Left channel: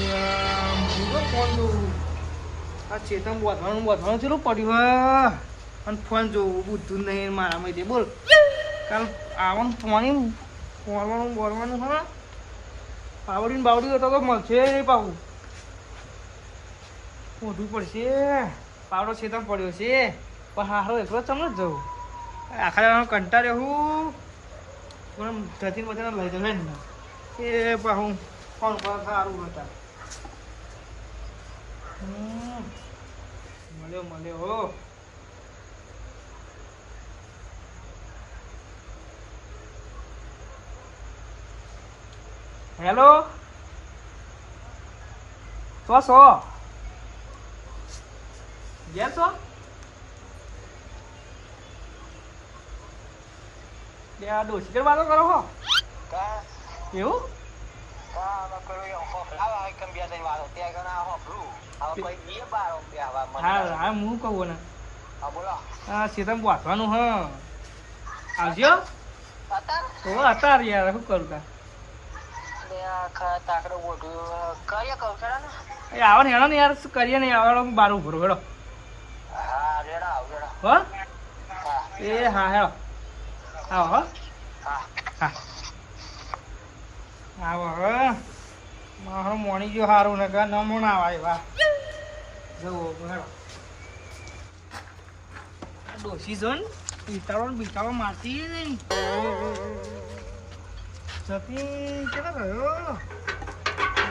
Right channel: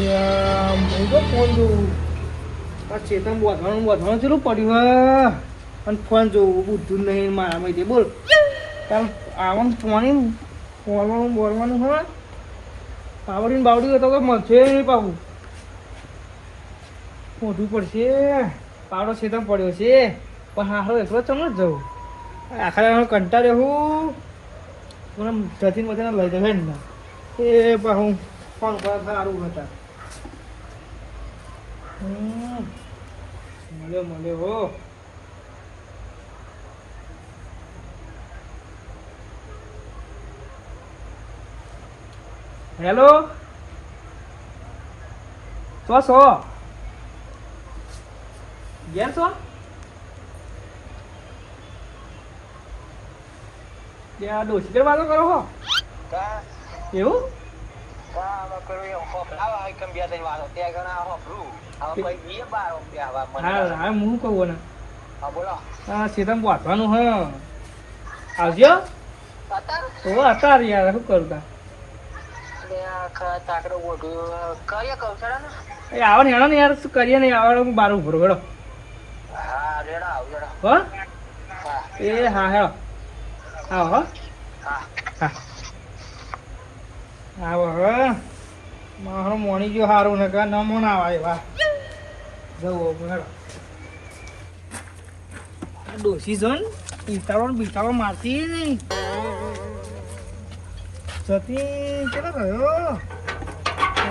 હું તો ફોન જોઉં આ ચેતન બોધવાનું ચેલું પડ્યું હા અને ફોન જોવું બુદ્ધું નહીં મારામાં તે બોલ કાલ આવવાનું ફોનવાનું બોલવાનું હા પાવડીને બાવડી હતો તો મળશે નહીં પાવું મોઢું પડશે પાવડો ચેતન પડ્યો છે પણ હારો એકલો તમને જ જવું આખા કંટાળ્યો હું મને જતીન બધાને લઈ જશે ને એ પાછું ફોન સારું હતા મળ્યો હો હેલો છો ગયા છો ત્યાં ડોસી વાતો કરો હો એવું હા હું કહું ને હા સીધા વાંચવાનું હ આવજો અત્યારે યાર શું કરું તા આવો ને હેડો ને યાર શું કરીએ ને આવે હું બાર ઉભો હેડો હો એ હા હેડો આવો હો હા આવો હવે મારો મોણી ગયો સારું ને કા ન મોણ આવા એવા જવું હેડો ડોસી જોન બિચારો મારતી નહીં સતી કેટલો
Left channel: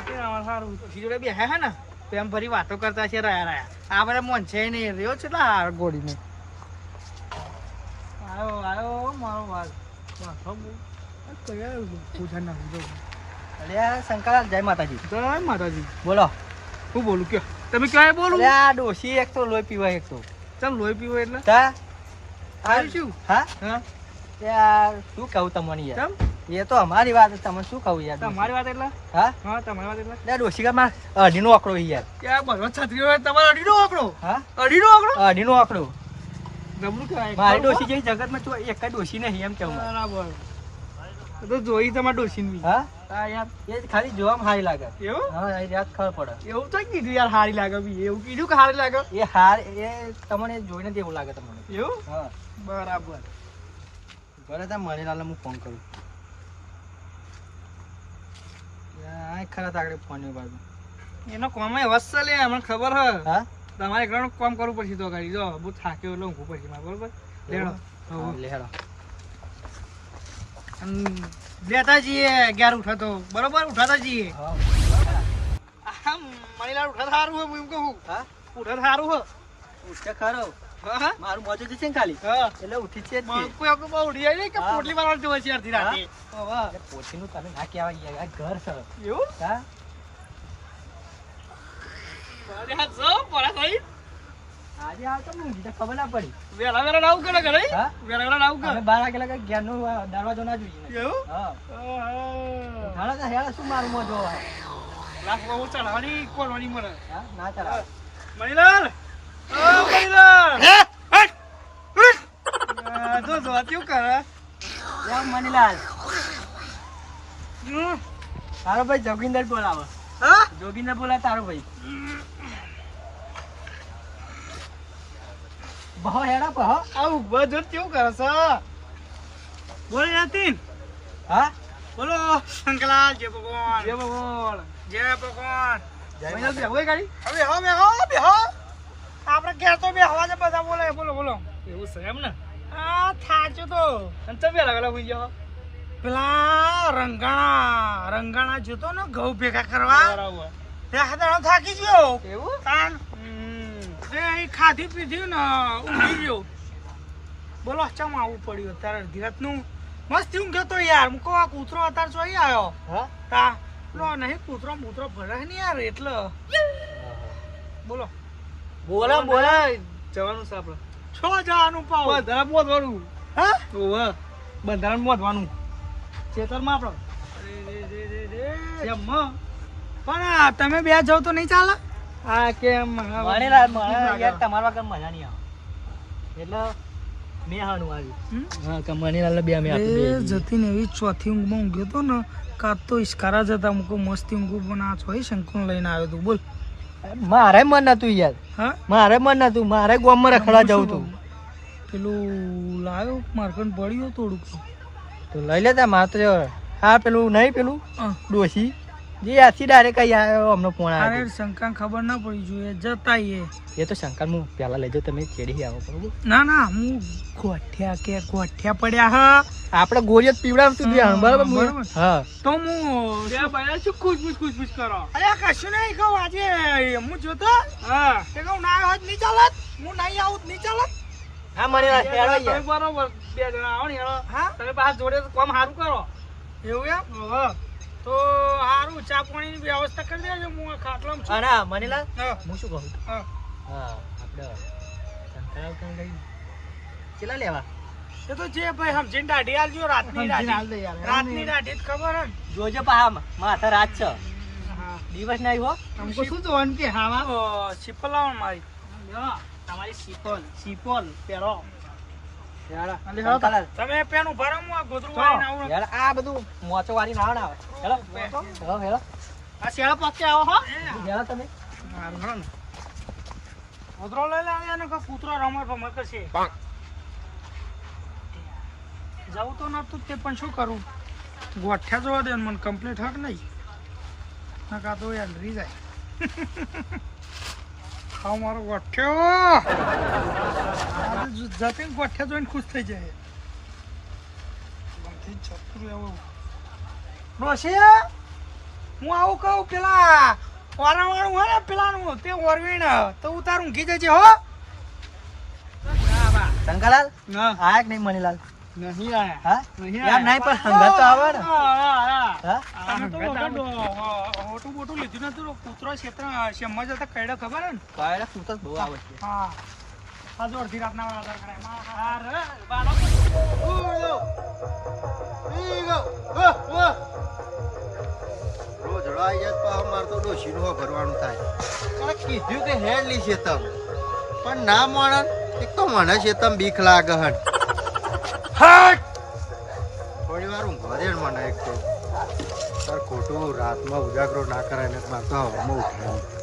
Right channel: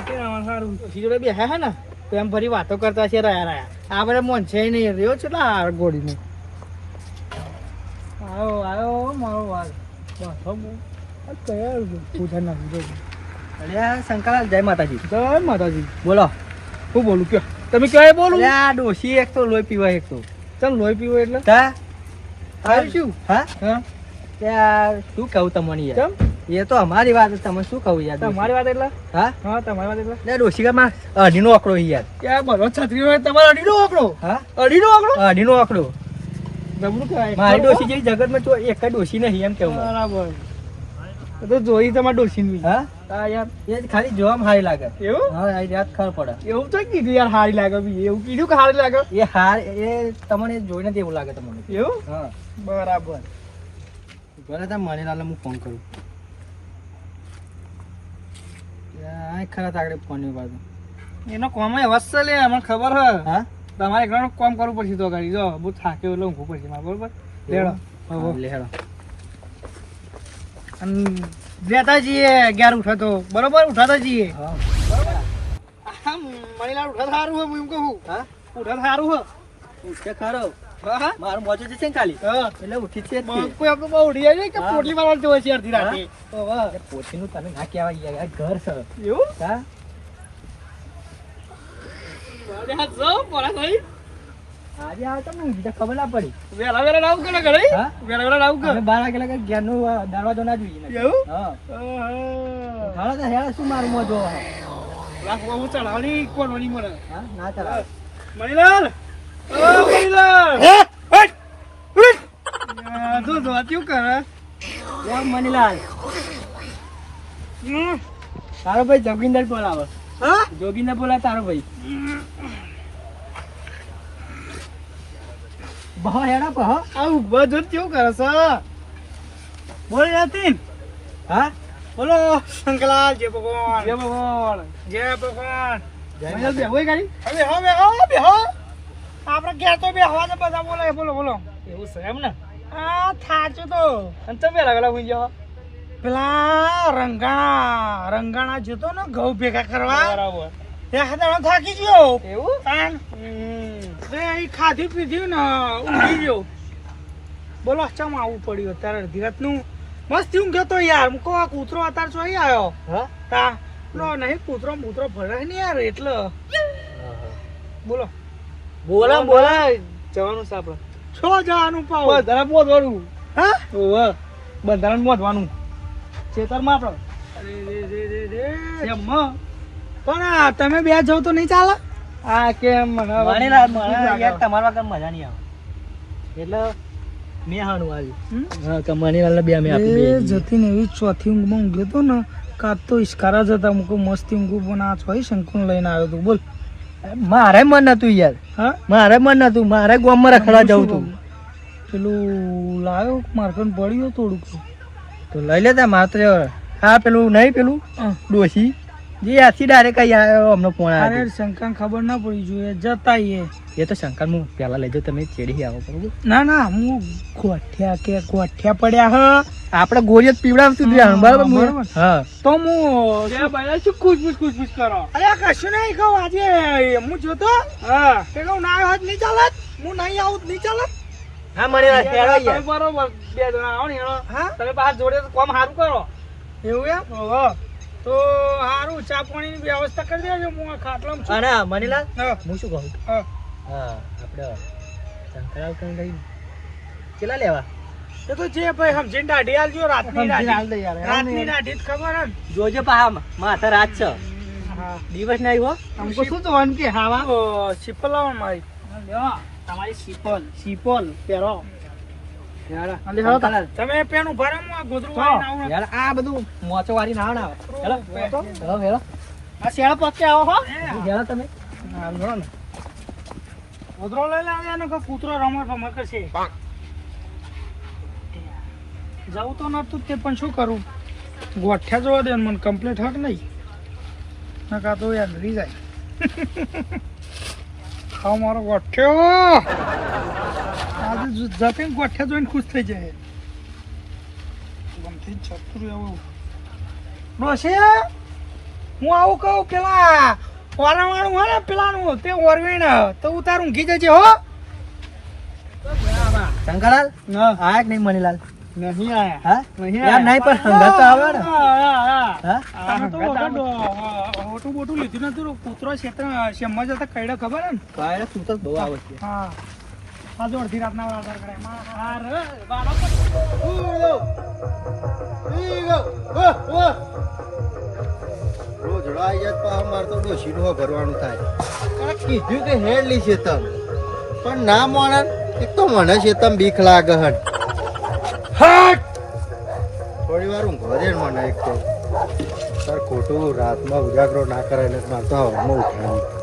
ગયો સારું ડોસી જોડે બે હે ને તો એમ ફરી વાતો કરતા છે રહ્યા આ બધા મોન છે નહીં રહ્યો છે આ ગોળીને આવ્યો મારો વાત કયા પૂછા નાખી અરે શંકર જય માતાજી બોલો હું બોલું કયો તમે કયો બોલું આ ડોસી એક તો લોહી પીવાય એક તો ચાલ લોહી પીવો એટલે શું હા યાર શું કહું તમને યાર એ તો અમારી વાત તમે શું કહું યાર તમારી વાત એટલે હા તમારી વાત એટલે ડોસીકામાં અઢીનો આંકડો યાર યાર બધો છત્રી હોય તમારો અઢીનો આંકડો હા અઢીનો આંકડો ગમડું કહેવાય મારી ડોસી જેવી જગતમાં તો એક જ ડોસી નહીં એમ કેવું બરાબર તો જોઈ તમારે ડોસી હા યાર એ ખાલી જોવામાં સારી લાગે એવું હા યાદ ખબર પડે એવું તો કીધું યાર સારી લાગે એવું કીધું કે સારી લાગે એ તમને જોઈને જ એવું લાગે તમને એવું હા બરાબર બરાબર મણીલાલને હું ફોન કરું ખરા આગળ ફોન ની બાજુ એનો કોમ વસ્તુ લે મને ખબર હે હા તમારે ઘણું કામ કરવું પડશે તો ગાડી જો બહુ થાક્યો એટલે ઊંઘવું પડશે મારે બરોબર લેડો લેતા જઈએ 11 ઉઠાતો બરોબર ઉઠાતા જઈએ મણીલાલ ઉઠા સારું હો એમ કહું હા ઉઠા સારું હો ઉઠે ખરો હા મારું મોજો છે ને ખાલી એટલે ઉઠી છે કોઈ આપણે બહુ ઉડી જાય કે પોટલી મારવા જોવે છે અડધી રાતે પોટલી નું તમે ના કહેવાય યાર ઘર છે એવું હા આજે આવ તો મને ખબર ના પડી વેલા લાવું કે ઘરે વેલા લાવું કે 12 વાગે ઘેર નો દરવાજો ના જોઈએ એવું હા ઘણા તો હેડા શું મારું મોજો લાખ હું ચલાવવાની કોણવાની મને હા ના ચલાવ મણીલાલ ઓ મણીલાલ તું જોત્યું કરે ઓ મણીલાલ તારો ભાઈ જોગિંદર બોલાવો હા જોગિંદર બોલા તારો ભાઈ બહો હેડા બહો આવું બધું કેવું કરે છે બોલ યાતીન હા બોલો શંકરલાલ જય ભગવાન મહિના બે હોય ગાડી હવે આપણે ઘેર તો બે હવા ને બધા બોલો એવું છે એમ ને આ થાચું તો અને તમે લગલા હોઈ જાવ પેલા રંગાણા જતો ને ઘઉં ભેગા કરવા બરાબર તે હાથે થાકી ગયો એવું કાન ખાધી પીધી ને ઊંઘી ગયો બોલો ચમ આવું પડ્યું અત્યારે ધીરજ નું મસ્ત ઊંઘ હતો યાર મૂકો આ કૂતરો અત્યારે જોઈ આવ્યો હા લો નહીં કૂતરો ફરે નહીં યાર એટલે બોલો જવાનું છે આપડે છો જવાનું પાવ બંધારા મોદવાનું હા ઓહ બંધારા મોદવાનું ખેતરમાં આપડે પણ તમે બે જાવ તો નહીં ચાલે આ કેમ તમારા વગર મજા નહીં આવે એટલે મેં હાનું આવી હા કમાની વાળા બે મેં આપી જતી ને એવી ચોથી ઊંઘમાં ઊંઘ્યો તો ને કાત તો ઇસ્કારા જ હતા મુકો મસ્તી ઊંઘું પણ આ છોઈ શંકુન લઈને આવ્યો તું બોલ મારે મન નતું યાર હા મારે મન નતું મારે ગામમાં રખડા જવું તું પેલું લાવ્યો માર્કન પડ્યું થોડુંક તો લઈ લેતા માત્ર હા પેલું નહીં પેલું ડોશી જે આથી ડાયરેક્ટ કઈ આવ્યો અમને ફોન અરે આવ્યો શંકા ખબર ના પડી જોઈએ જતા એ તો શંકર હું પહેલા લેજો તમે ચેડી આવો બરોબર ના ના હું ગોઠ્યા પડ્યા હ આપણે ગોળીઓ પીવડાવશું બરાબર હા તો હું ખુશ કરો અરે કશું નહીં કહું આજે હું જોતો હા તે કહું ના આવ્યો નહીં ચાલત હું નહીં આવું નહીં ચાલત હા મને બરોબર બે જણા આવો ને હા તમે બહાર જોડે કામ સારું કરો એવું એમ તો સારું ચા પાણીની વ્યવસ્થા કરી દેજો હું ખાટલામાં છું ના મનીલાલ હું શું કહું હા આપણે શંકરાવ કઈ કેટલા લેવા એ તો જે ભાઈ સમજીને દાઢી આલજો રાતની દાઢી જ ખબર હે જોજો પા માથા રાત છે હા દિવસ નહીં હો हमको શું જોવાનું કે હાવા સિપલ લાવો મારી તમારી સિપલ પહેરો તમે પેનું ભરો હું આ ગોદરું વાળીને આવું યાર આ બધું મોચો વાળી ના આવે હેલો હેલો આ શેળા પત્તે આવો હો હેલો તમે હા ને ગોદરો લઈ લાવ્યા ને કે કૂતરો રમણ ભમર કરશે જવું તો નતું તે પણ શું કરું ગોઠ્યા જોવા દે મને કમ્પ્લીટ હક નહીં ના કા તો યાર રહી જાય ખાવ મારો ગોઠ્યો આજે જતે ગોઠ્યા જોઈને ખુશ થઈ જાય ગમથી છતું એવું ડોશી હું આવું કહું પેલા ઓરવાળું હોય ને પેલાનું તે ઓરવીણ તો ઉતાર ઊંઘી જજે હો શંકરલાલ આયા કે નહીં મનીલાલ નહીં આયા હા નહીં યાર નહીં પણ હંગા તો આવે ને મોટું મોટું લીધું નતું કૂતરો ક્ષેત્ર શેમમાં જતા કઈડો ખબર હે ને પાયડા સૂતો બહુ આવે છે હા આ જો અડધી રાતના વાળા કરે રોજ રાઈ જાય તો અમાર તો ડોશીનું ભરવાનું થાય કીધું કે હેડ લી શેતમ પણ ના મોણન એક તો મને શેતમ બીક લાગે હટ થોડી વાર ઊંઘવા દે મને એક તો સર ખોટું રાતમાં ઉજાગરો ના કરે એટલે મારે તો હવામાં ઉઠાવી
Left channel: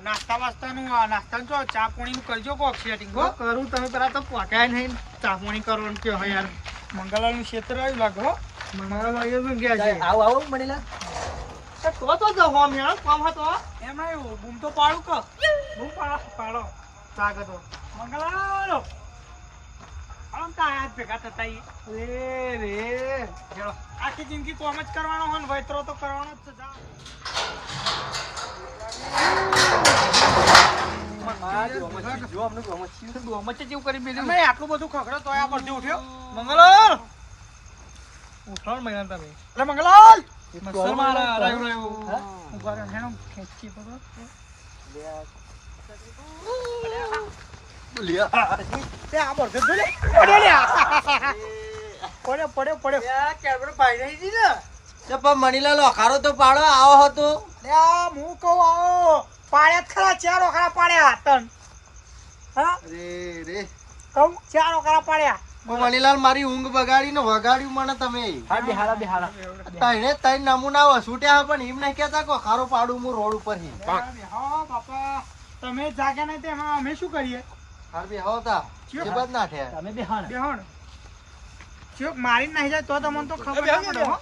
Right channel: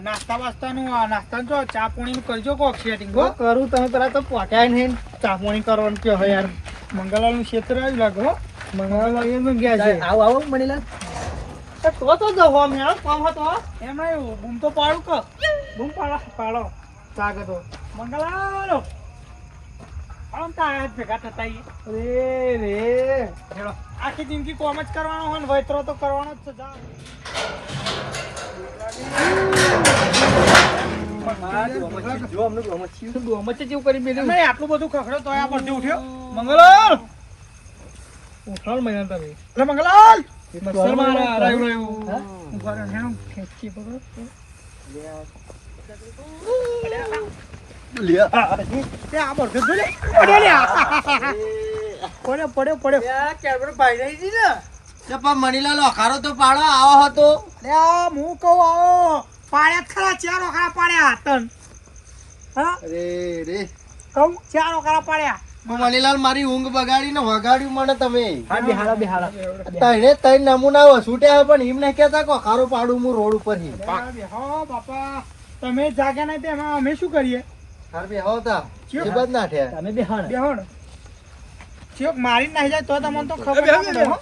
નાસ્તા વાસ્તાનું નાસ્તાનું જો ચા પાણી નું કરજો કોક સેટિંગ કરું તમે પેલા તો પકાય નહીં ચા પાણી કરવાનું કે હોય યાર મંગલાલ નું ક્ષેત્ર આવ્યું લાગે હો મંગળવાર વાગ્યો ગયા છે આવો મનીલાલ તો જવો અમે કામ હતો એમ નહીં બૂમ તો પાડું કે બૂમ પાડો ચાગે તો મંગલાલ આમ તો આયા જ ભેગા થતા રે આખી જિંદગી કોમ જ કરવાનો હોય ને વૈતરો તો કરવાનો જ છે જા આટલું બધું ખખડો તો આ પરથી ઉઠ્યો મંગલાલ ઉઠાણ મહિના તમે એટલે મંગલાલ મણીલાલ અખારો તો પાડો આવો હતો હું કહું આવો પાડ્યા ખરા ચાર ઓખરા પાડ્યા તન હા રે કહું ચાર ઓખરા પાડ્યા મણીલાલ મારી ઊંઘ બગાડીને વગાડ્યું મને તમે બેહાડા તઈને તઈ નમૂના વસૂટ્યા પણ એમ નહીં કેતા કે અખારો પાડું હું રોડ ઉપર થી હા બાપા તમે જાગ્યા નહીં તેમાં અમે શું કરીએ તમે બેહાડ બેહણ ચોક મારી નાખી જાય તો તમને તો ખબર ના પડે હો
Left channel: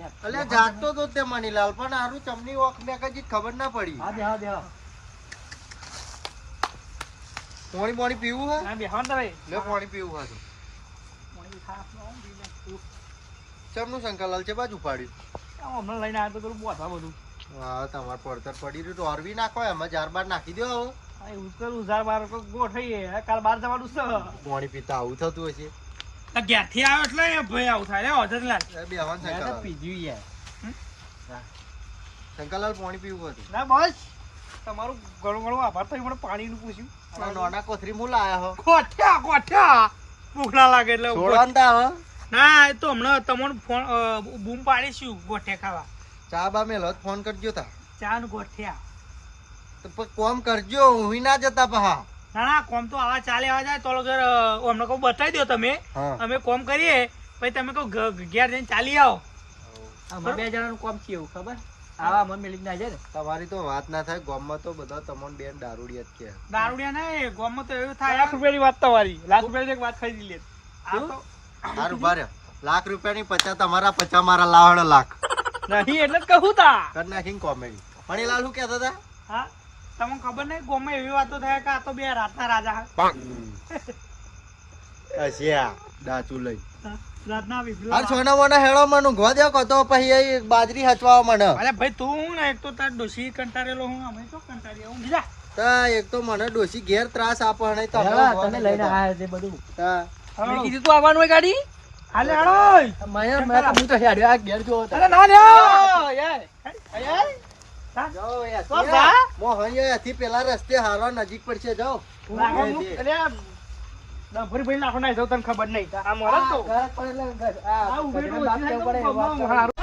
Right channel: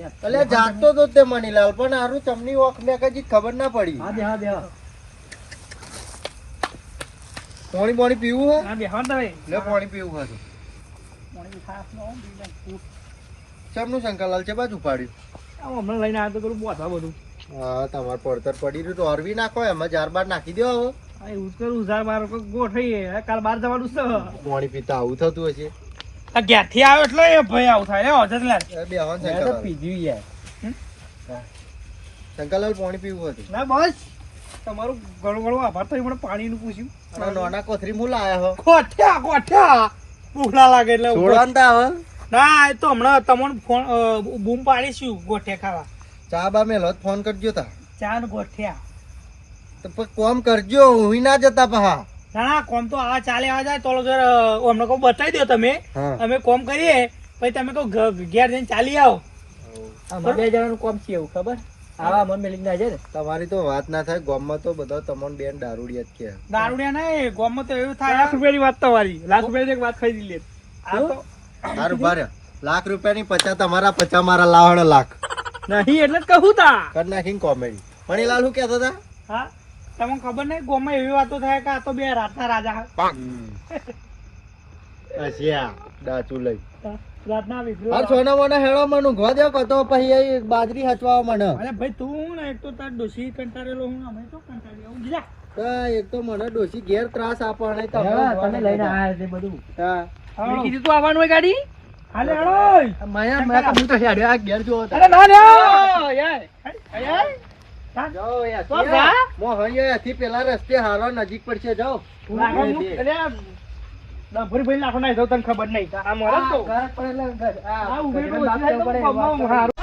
એટલે જાગતો તો તે મણીલાલ પણ આરું તમને મેં કઈ ખબર ના પડી પાણી પાણી પીવું હા બેહણ તો ભાઈ લે પાણી પીવું હતું ચમનું શંકરલાલ છે બાજુ પાડ્યું હમણાં લઈને આવ્યો તો કરું બોધા બધું હા તમારે પડતર પડી રહ્યું તો અરવી નાખો એમાં 4 નાખી દો ગોઠવી કાલ બહાર જવાનું છે પાણી પીતા આવું થતું હશે ઘેર થી આવ્યો એટલે એ ભાઈ આવું થાય બેહવાન પીધું યાર શંકરલાલ પાણી પીવું હતું ના બસ તમારું ઘણું ઘણું આભાર તો મને પાણીનું પૂછ્યું અને નાના કોથરી હું લાયા હો ગોઠ્યા ભૂખ ના લાગે એટલે છોડવાનતા હો ના એ તો હમણાં તમને ફોન બૂમ પાડીશું ગોઠિયા ખાવા ચા બા મેલો ફોન કરજો તા ચા ને ગોઠિયા તો પછી કોમ કરજો હું ના જતા પહા ના ના કોમ તો આવા ચાલે આ જાય તો અમને કહું બતાવી દો તમે હા. અમે કોમ કરીએ પછી તમે કહો ઘેર જઈને ચાલી આવો અમારે 2 જણાનું કોમ છે એવું ખબર આવા મન મેલી ના જાય ને તમારી તો વાત ના થાય ગામમાં તો બધા તમને બેન દારૂડિયા જ કે દારૂડિયા ના ગોમમાં તો એવું થાય લાખ રૂપિયાની વાત તમારી લાખ રૂપિયાની એક વાત ખરીદી લે આ તો સારું ભારે લાખ રૂપિયાની 50 તમારા 50 મારા લાવણ લાખ નહીં એટલે જ કહું તા કર નાખીને કોમેડી મણીલાલ શું કહેતા હતા હા તમને ખબર નહીં ગોમમાં એવી વાતો થાય કે આ તો બે રાતના રાજા હસ્યા દાતું લઈ રાતના વિફલો આ સોના મોના હેળો મનું ઘો દે કો તો પછી એ બાજરી હચવાવા મને અરે ભાઈ તું હું ને એક તો તાર ડોશી કંટાળેલો હું અમે તો કંટાળી હું બીજા તા એક તો મને ડોશી ઘેર ત્રાસ આપે અને હા, તને લઈને આયા છે બધું તા મેં કીધું તું આવવાનું હોય ગાડી હાલે હાલો મેં તો હું તો હેડ્યો આ ઘેર જો અરે ના લ્યો જાઓ એ તો જા. મોહન એ થી પેલા રસ્તે હારો નજીક પડશે જાઓ લાખો ભરી ભરી લાખો ના તને ખબર નહીં આ મરદ તો ઘર પર એટલે ઘર. આ ઉભેલું બાપ છે તો ઉપર કમાવું હારું